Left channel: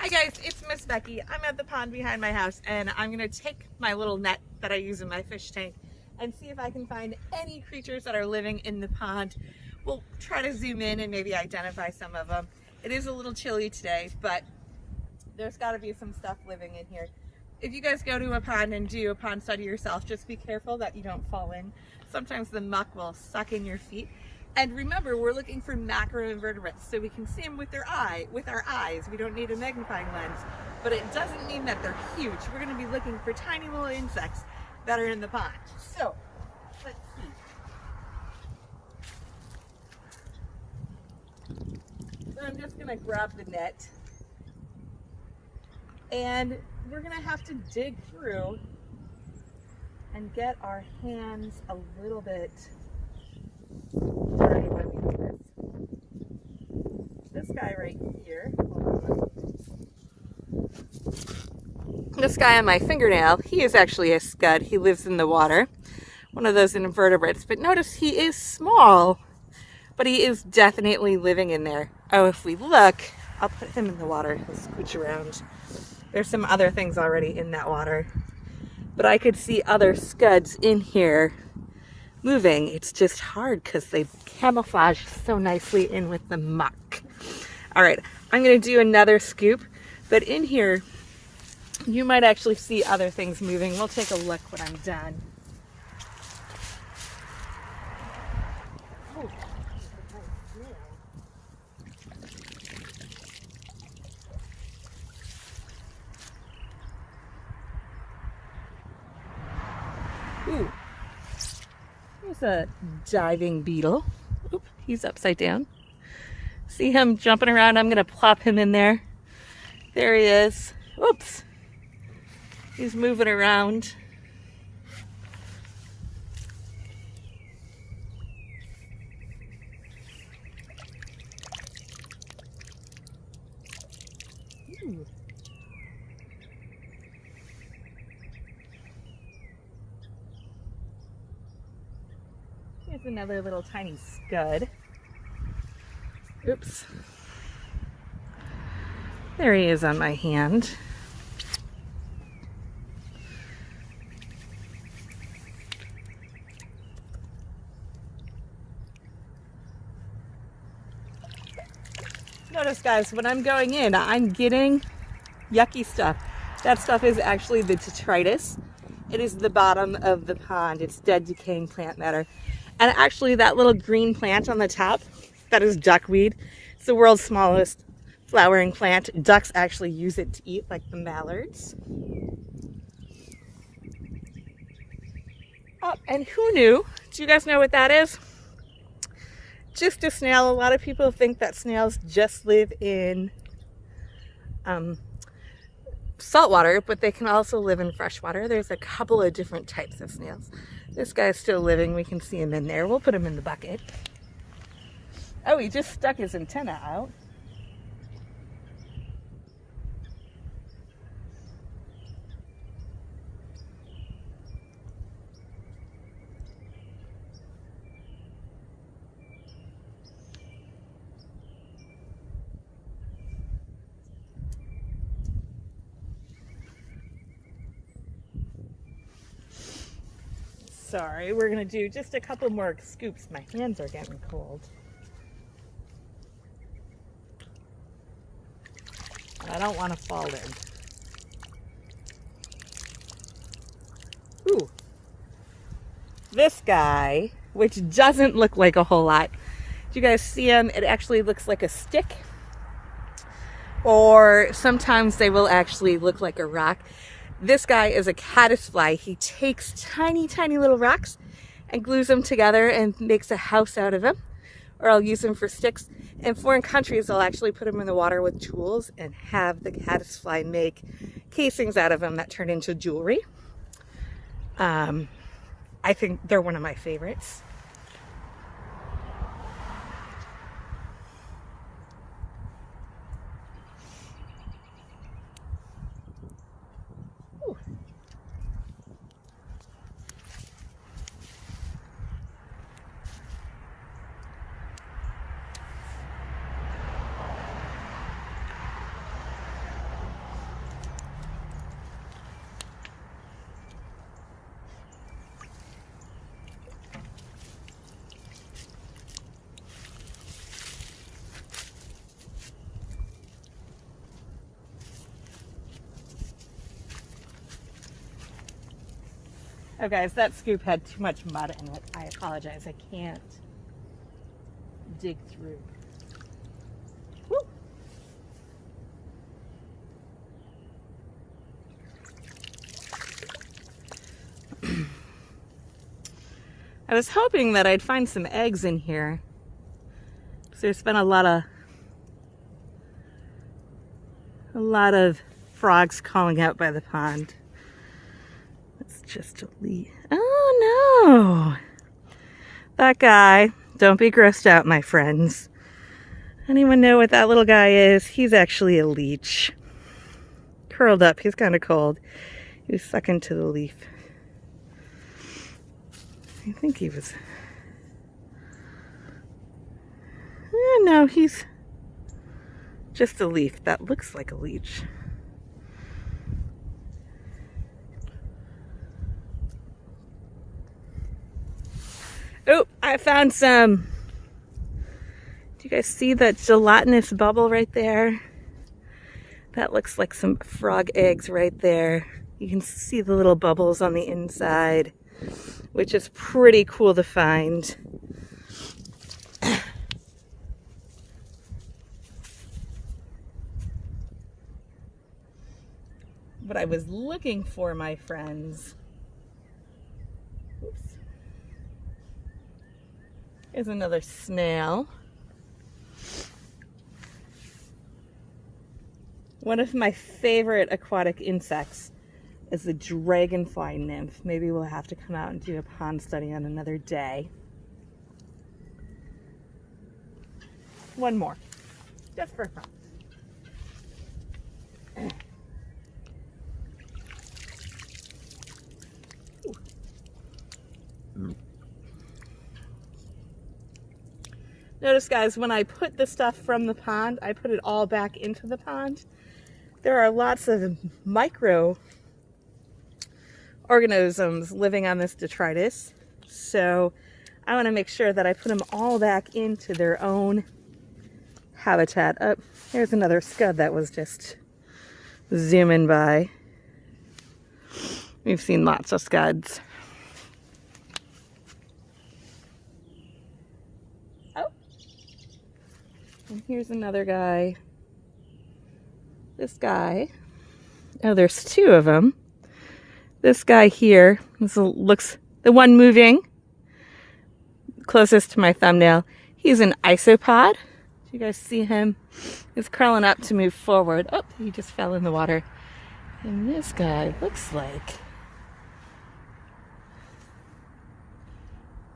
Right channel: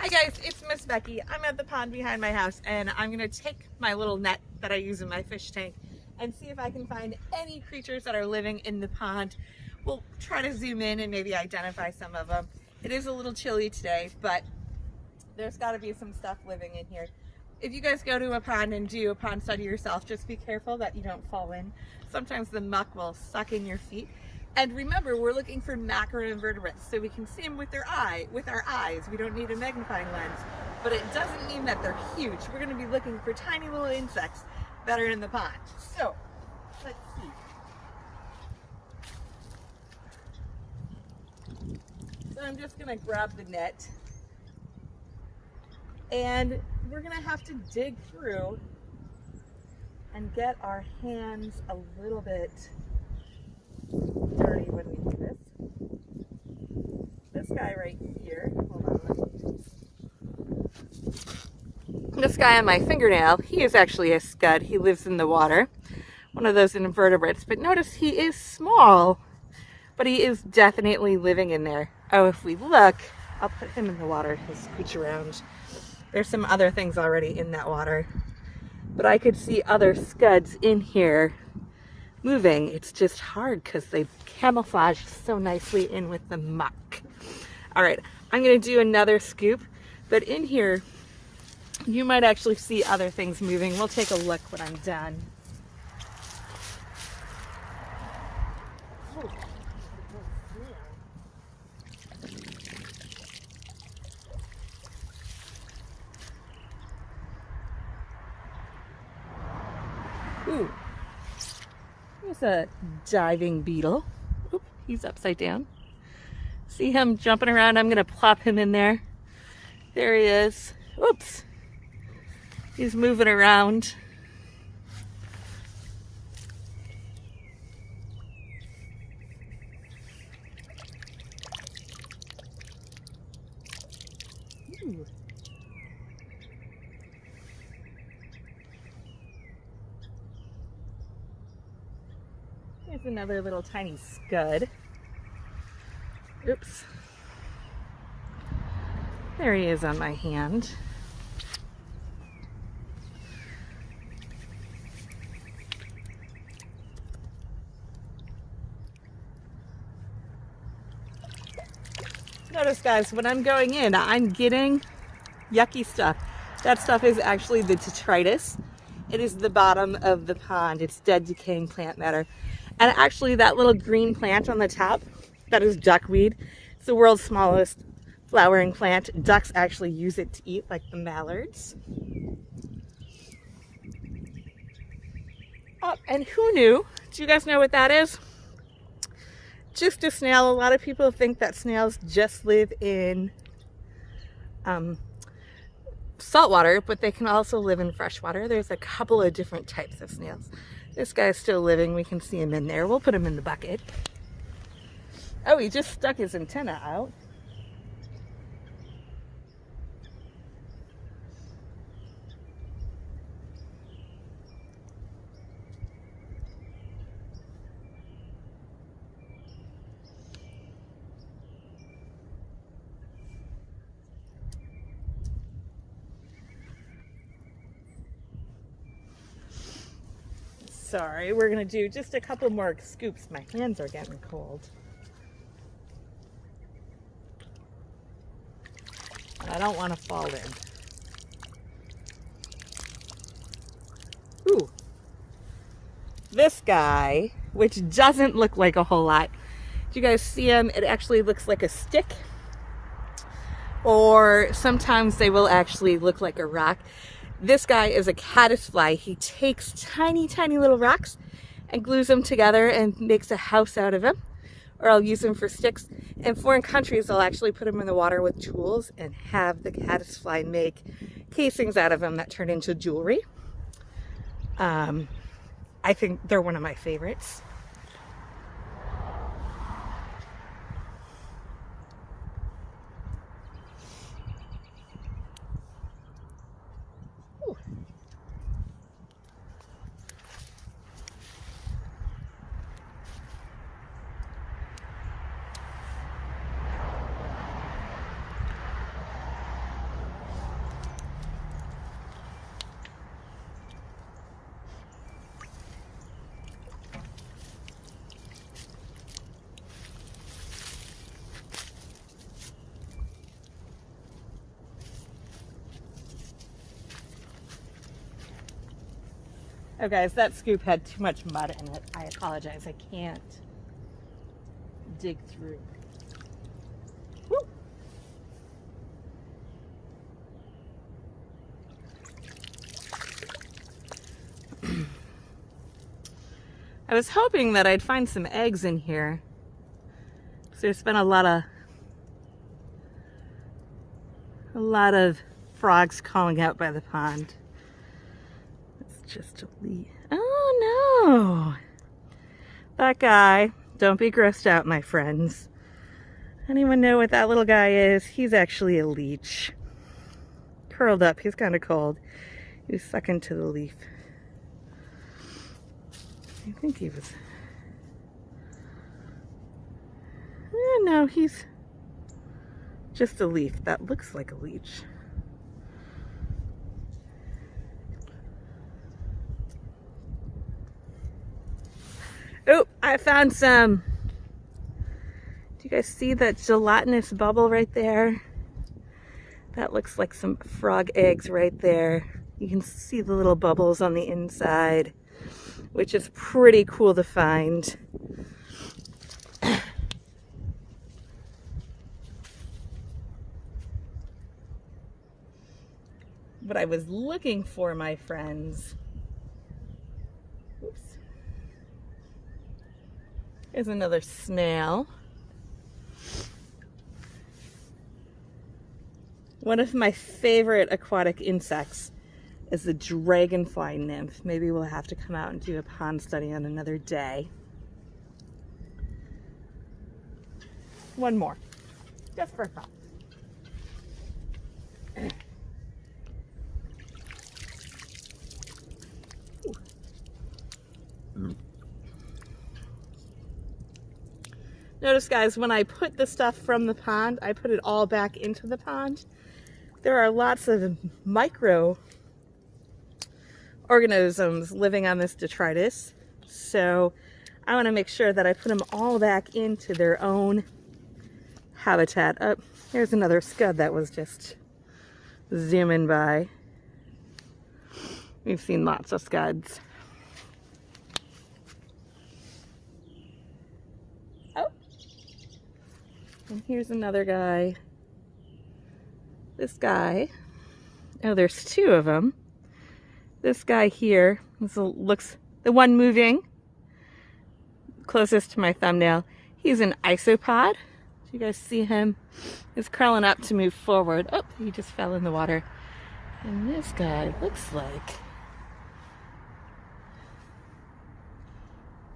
Hi guys, it's Miss Becky. I'm at the pond behind my house and I'm gonna take my little net that I use in my fish tank and see if I can find any creatures that are living in the pond. We'll try to zoom in and maybe identify some of them. It is a little chilly today, but there's gotta be some stuff living in here. If you guys go to a pond and do a pond study yourself, just be careful that you don't fall in. Sometimes the muck will suck in your feet. And remember, we're looking for macroinvertebrates, so we can see them with our eyes. We don't need a magnifying lens, but it doesn't mean that they're huge. We're going to be looking for tiny little insects that are in the pond. So, let's see. So I'm just going to grab the net, and we're going to have to dig through and get our hands a little bit dirty when we do this. This guy right here, hold on. This guy on my fingernail, he is actually a scud. He lives in the water, one of those invertebrates. But notice he is small, but he is definitely living in there. Oh, if we look, I'll put him in the water. He'll scooch around. There's some other things already in that water, but I could see other scuds in here moving. It's just hard because they camouflage so nicely in with the muck. All right, I'm going to do another scoop, but in here you might actually see other things moving. We'll take a look when I'm done. Oh, ooh. There's a diving beetle. Oop, he's upside down. See him jumping around? I'm gonna plop him in there. There he is. Oops. He's moving around. Ooh. Here's another little tiny scud. Oops. There he is on my hand. Notice guys, when I'm going in, I'm getting yucky stuff. That stuff is actually the detritus. It is the bottom of the pond. It's dead, decaying plant matter. And actually that little green plant on the top, that is duckweed. It's the world's smallest flowering plant. Ducks actually use it to eat, like the mallards. Oh, and who knew? Do you guys know what that is? Just a snail. A lot of people think that snails just live in saltwater, but they can also live in freshwater. There's a couple of different types of snails. This guy's still living. We can see him in there. We'll put him in the bucket. Oh, he just stuck his antenna out. Sorry, we're gonna do just a couple more scoops. My hands are getting cold. I don't want to fall in. Ooh. This guy, which doesn't look like a whole lot. Do you guys see him? It actually looks like a stick. Or sometimes they will actually look like a rock. This guy is a caddisfly. He takes tiny, tiny little rocks and glues them together and makes a house out of them. Or I'll use them for sticks. In foreign countries, I'll actually put them in the water with tools and have the caddisfly make casings out of them that turn into jewelry. I think they're one of my favorites. Ooh. Oh guys, that scoop had too much mud in it. I apologize. I can't dig through. Woo. I was hoping that I'd find some eggs in here. So there's been a lot of frogs calling out by the pond. It's just a leaf. Oh no! That guy, don't be grossed out, my friends. Anyone know what that little guy is? He's actually a leech. Curled up, he's kind of cold. He was stuck into the leaf. I think he was... no, he's just a leaf that looks like a leech. Oh, I found some. Do you guys see that gelatinous bubble right there? That looks like some frog eggs right there. You can see the little bubbles on the inside, which is pretty cool to find. What I was looking for, my friends. Oops. Here's another snail. One of my favorite aquatic insects is the Dragonfly Nymph. Maybe we'll have to come out and do a pond study on another day. One more, just for fun. Notice, guys, when I put the stuff from the pond, I put it all back into the pond. There are lots of microorganisms living on this detritus, so I want to make sure that I put them all back into their own habitat. Oh, here's another scud that was just zooming by. We've seen lots of scuds. And here's another guy. This guy. Oh, there's two of them. This guy here, this looks the one moving closest to my thumbnail. He's an isopod. Do you guys see him? He's curling up to move forward. Oh, he just fell in the water. And this guy looks like...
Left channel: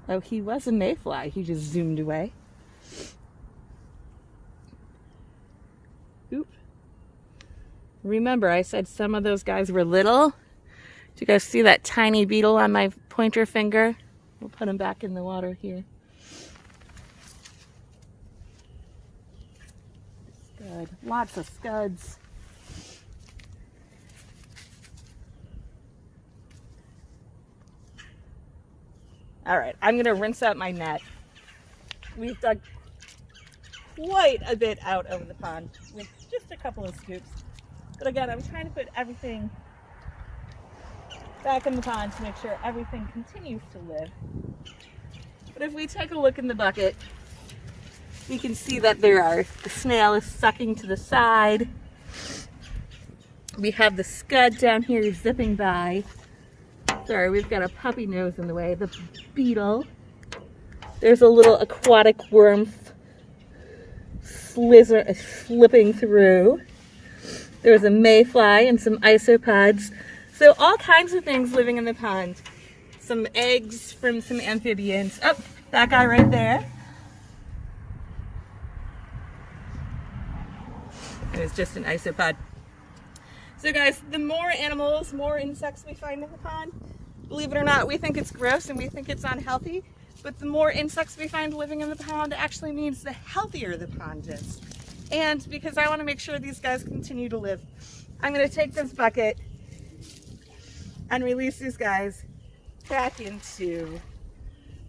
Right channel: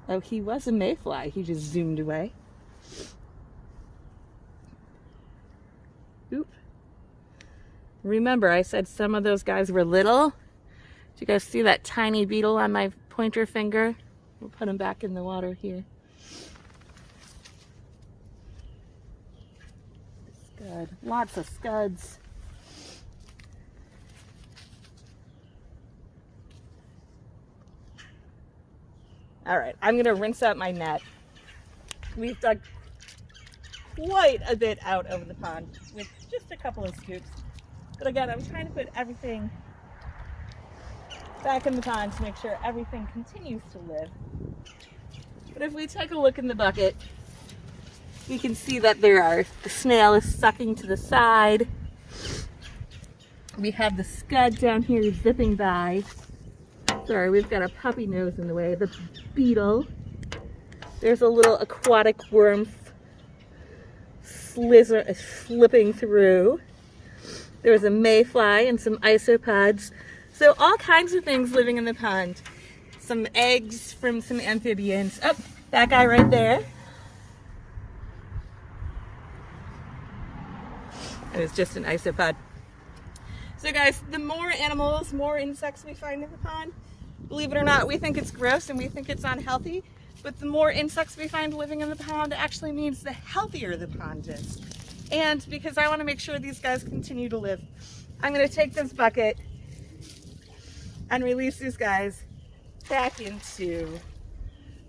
oh, he was a mayfly. He just zoomed away. Oop. Remember, I said some of those guys were little. Do you guys see that tiny beetle on my pointer finger? We'll put him back in the water here. Scud. Lots of scuds. All right, I'm gonna rinse out my net. We've dug quite a bit out over the pond with just a couple of scoops. But again, I'm trying to put everything back in the pond to make sure everything continues to live. But if we take a look in the bucket, you can see that the snail is sucking to the side. We have the scud down here zipping by. Sorry, we've got a puppy nose in the way. The beetle. There's a little aquatic worm slipping through. There was a mayfly and some isopods. So all kinds of things living in the pond. Some eggs from some amphibians. Oh, that guy right there. It was just an isopod. So guys, the more animals, more insects we find in the pond, believe it or not, we think it's gross and we think it's unhealthy, but the more insects we find living in the pond actually means the healthier the pond is. And because I want to make sure these guys continue to live, I'm going to take this bucket and release these guys back into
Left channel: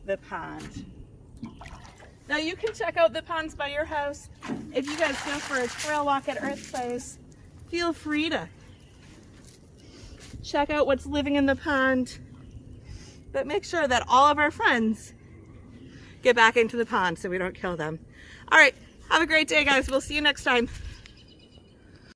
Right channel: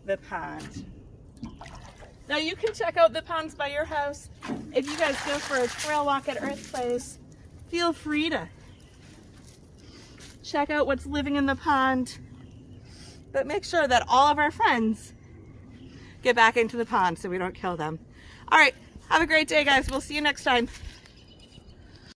the pond. Now you can check out the ponds by your house. If you guys go for a trail walk at Earthplace, feel free to check out what's living in the pond. but make sure that all of our friends get back into the pond so we don't kill them. All right, have a great day, guys. We'll see you next time.